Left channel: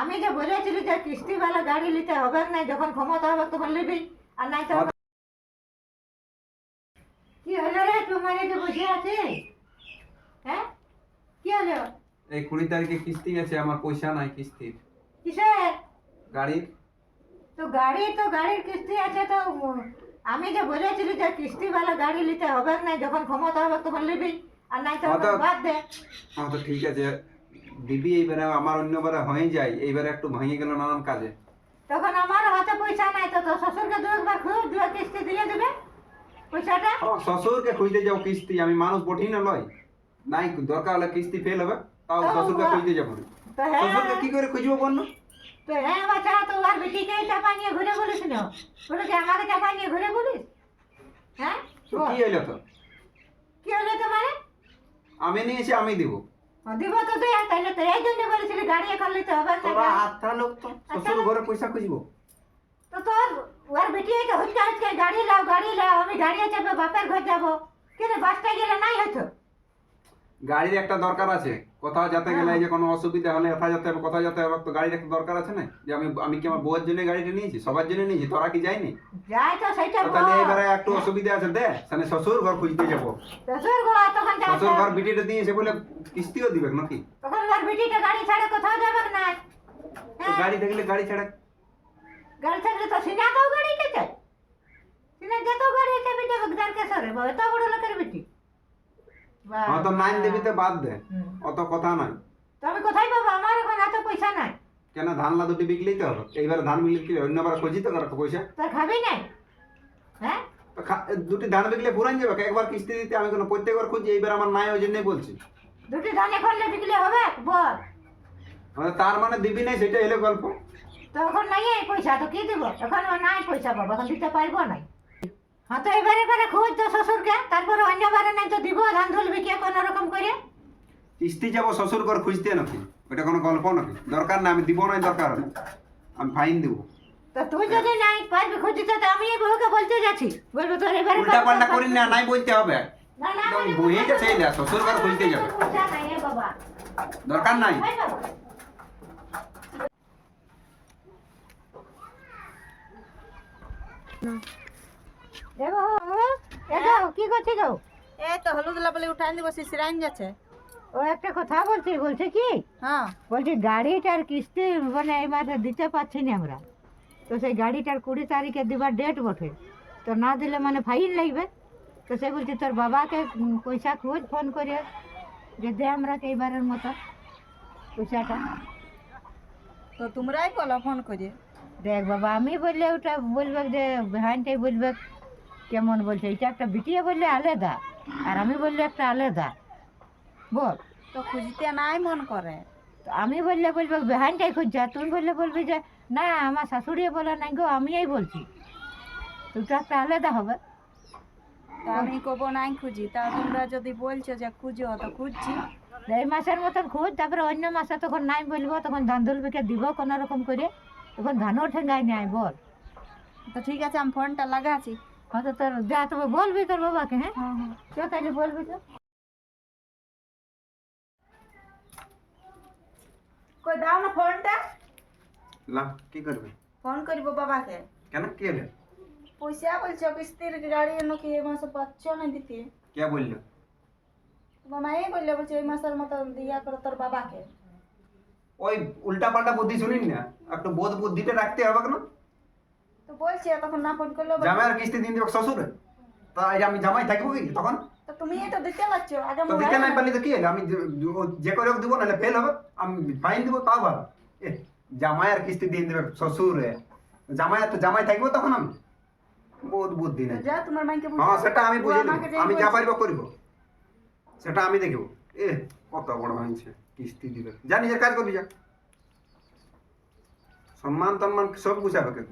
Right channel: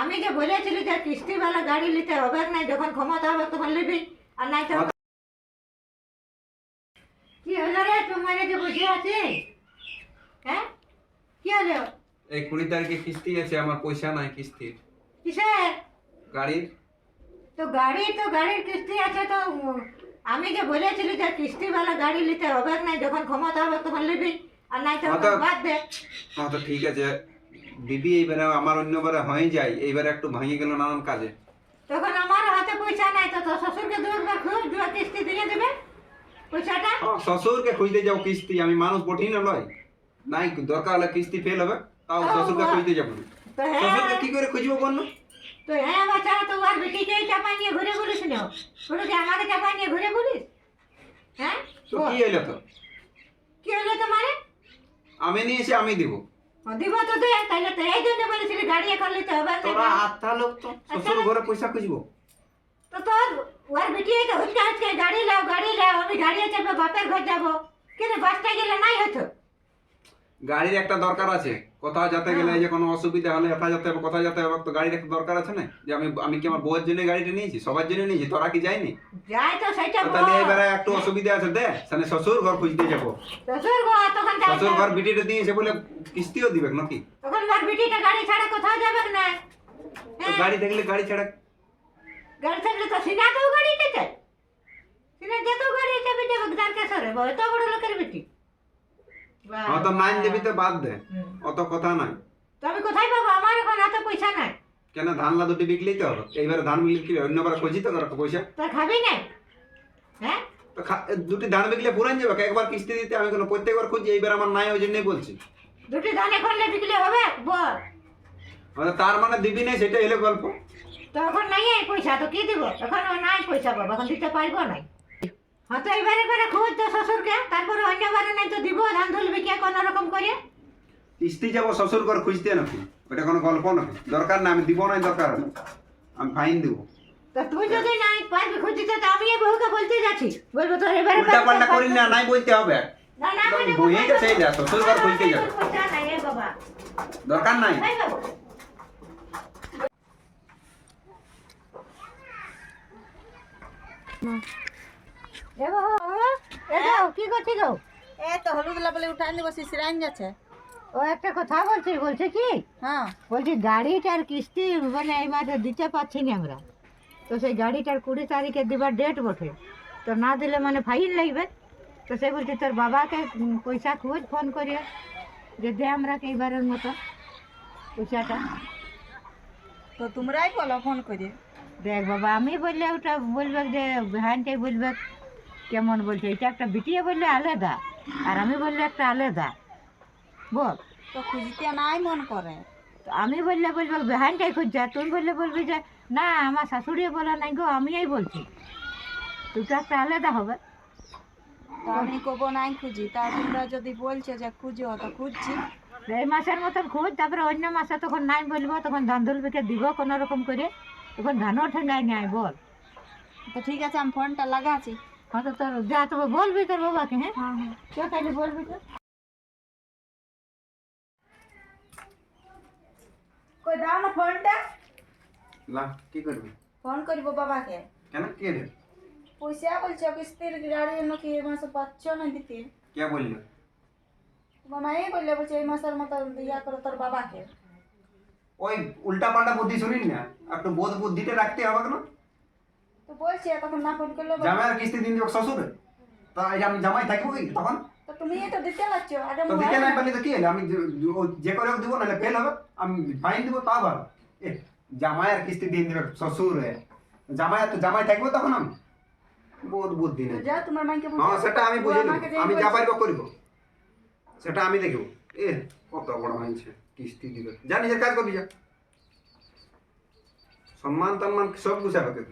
আমি যে বলেছিলি যে কিস্তিওয়ালা গাড়ি নিতে হবে না, যখন ক্ষমতা হবে তখন নিবি, আর নাই তো কি হলো রে? তোমার যে বসে আছে, হ্যাঁ কি হলো? এই 20 তারিখে কিস্তি আছে, আমার পয়সা নাই কিস্তির। কিসের? গাড়ির। তো গাড়ির কিস্তি আছে তো আমি যে বলেছিলি যে কিস্তিওয়ালা গাড়ি নিতে হবে না, যখন ক্ষমতা হবে তখন নিবি, আর নাই তো বাদ দে। হ্যাঁ তো ঠিক আছে দিবি, এইবারে আমার অন্যবারে হয়ে যায়, এইবারে একটু ভেঙে গেল নানান কাজে। তখন আমার হাতে পয়সা নাই, তো তোর শ্বশুরকে দু একবার খুব দু কিস্তি দিয়ে দেবে পয়সাটা। শ্বশুরকে খুঁজতে যাও কিস্তি, আমি মানুষ বটি না লয়, নাই দরকার হলে কিস্তি ফেল হবে, তাও শ্বশুরকে খুঁজতে যাবো না। তো হ্যাঁ, শ্বশুরকে কি করে খুঁজবো বল? তো হ্যাঁ বাচ্চা, তো আর বেটিকে চাপা নিয়ে ঘুরে বলিস না, ওটাকে আমাকে চাপা নিয়ে ঘুরে বলিস? হ্যাঁ তো কি হইলো? তো কি হলো তোমার? আমি নিয়েছি, আমি দিব। দিব তো দে, তাহলে তো এই জন্য বলেছিলি গাড়ি এখন নিতে হবে না। তোরা আত্মা লোক, তো শ্বশুর ঘরে পয়সা খুঁজবো। তো তোর ওর বেটি তো হচ্ছে আজকে গাড়ি লাও, আমি গাড়ি চাপে বাপের ঘর যাবো, কিন্তু বাসটায় গেলে নাই হয়তো। গাড়ির একটা দরকার আছে, কোথাও যেতে গেলে যে কোনো অসুবিধা হলে কোথায় যেতে হবে, কোথায় যেতে হবে, তো গাড়ির একটা দরকার আছে না? যে আমি কি আমার বউয়ের জন্য গাড়িটা নিয়েছি, সবার জন্য নিয়েছি, তোরা কি যায়নি? যাই তো সেটা বল। তাহলে এবারে একটু অসুবিধা আছে দে, সামনে শ্বশুর ঘর খুঁজতে যাবো। শ্বশুর ঘর তখন যাই, শ্বশুর ঘর বিটিটা দিয়েছে বলে কিস্তিও দিবে নাকি? তখন ওর বেটিটা গাড়ি ছাড়া কোথাও যাবে না। তো গাড়ি দেখলে গাড়ি ছাড়া, গাড়ি থাকলে তো সিনাতেও গাড়ি নিতে, সিনা যেতেও গাড়ি চাপে যাবে দ্বারকেশ্বরে, এত বড় লোকের বেটি। হ্যাঁ তো নাইন দিবি তো বাদ দে, অত কথা নাই। তো আমি কোথায় পাবো? আমার এখন এত পয়সা নাই। কেন, ধান লা দুটি বিকলেই তো হবে, এইবারে ধান বিকলে কি অন্যবার খুঁজি তো করা পয়সা। তো খাবি নাই? হ্যাঁ তো দুটি ধান বিকলে পুরান যাবে, একবার কিস্তি দিতে আমি কোনো প্রত্যেকবার খুঁজি, এইবার আমার নাই, ওই জন্যই বলছি। দুটি ধানে করলে বিকলে হবে বল? তার মানে দিবি নাই, সেটা এলো গল্প। তো এখন নাই এই পয়সা, তো কি দিব? এখন নাই পয়সা বাবা, এখন দিতে পারবো নাই। হ্যাঁ তো এবারে খোঁজ তো শ্বশুরকে, তারপরে অন্যবারে নাই তো দিব ধান ধুলবি কে কোনো রকম করে। কিস্তি যাবো শ্বশুর ঘর খুঁজতে নাকি? ওটা কোনো গল্প নাকি? দরকার না, আমি দিব নাই, দরকার আমি ফাইন দেবো। তো তুই যদি নাই পারবি খুঁজতে, তো আমি এই বহুকে বলতে যাচ্ছি, বলবো তোর এবারে উল্টা পাল্টা করি না, নাই বলতে হবে। না না একদম বইয়ে গেছে, এই দেখ, শ্বশুর ঘর খুঁজতে যাবে, পয়সা নাই রে বাবা। দরকার নাই। এই বাবা। এ বাবা, এ যাও, কি করছি গো? এই তো হলুদ লাবলে উঠাই দিব, শিশিরাইন যাচ্ছে। ও একটা কথা বলছে কি, হ্যাঁ বলছি গাড়িটার কিস্তি মানে এই মাসে দিতে পারছি না আমরা, তো সেই গাড়িটার 20 তারিখে দিবার ডেট বটে, তো না দিলে মানে ফাইন লাগবে। তো সে বলছে তোর বাবাকে পয়সা খোঁজ ফোন করে, যে দে আমরা এইবারের মতো পয়সাটা। তো তোমরাই বলো ফোন করে। দেখ বাবা, আমি বললে ওটা বলবে যে হ্যানটাই বলবে কেমন বলছে, এটা একটা বিটিয়ে বললে আলাদা, আর আমি বললে একটা আলাদা, বল। তো খুঁজতে নাই মন করে। তো আমি বললে বলবে বেহানটাই খুঁজছে, আর তুই বললে বলবি যে না আমার শাশুড়ি বলে নাই গো, আমিই বলছি, দুটো একটা আলাদা হবে। তো আমি কব নাই খুঁজি, তা তোমরা যদি বলছো যে খুঁজো তো খুঁজছি। এই মাসের মতন খুঁজ, তারপরে অন্য মাসে তখন নাই বলবো, তখন ধান ধুলবিকে দিব কোনো রকম করে, তখন ধানও ঠেঙ্গাই নাই, বল। তো ঠিক আছে, আমি ফোনটা লাগাচ্ছি। হ্যাঁ তো তোর যা, তবে বলবি তোর বাবাকে, হ্যাঁ হ্যাঁ হ্যাঁ চ তাহলে বলবি তো। কই দাও না ফোনটা, লা কি করবে? ফোন করিব বাবাকে। কেন, কি হলো? পয়সা বলছো কিস্তির গাড়ি নাকি এই মাসে পাচ্ছ না দিতে। কে বললো? তোমার মাই বললে, বলছে এই মাসের মতো দিয়া করো তোর বাবাকে। ওই উল্টা পাল্টা বুদ্ধি শুনিন না, একটু বোধ বুদ্ধিটা রাখতে হবে কেন? তো বলছি তখন না ফোন করলো। জামাইয়ের কিস্তি দিন দেবো শ্বশুর, তা এই যে আমি জামাই থাকবো কি তখন? তো তুমি তো দিতে লাগছ আগে তো দিতে নাই পারলে তো কি হলো, আমি যে করে দিব, নাহলে ফেল হবে, আমি ফাইন দিব, তাও ভালো। জামাইয়ের কিস্তি দিন দেবে শ্বশুর, জামাই থাকবো তখন আমি বহুত বুদ্ধি নেই। যা তোমার মাইকে হ্যাঁ সেটা আমি বুঝে নেব, আমাকে যে আমি যা বলছে- পারবো করবো, সেটা আমি দেখবো। কত বড় মানছে কিস্তি দিবে, যা নিজের কাজ করবি, যা সম্মান টম্মান সব গুছাবে।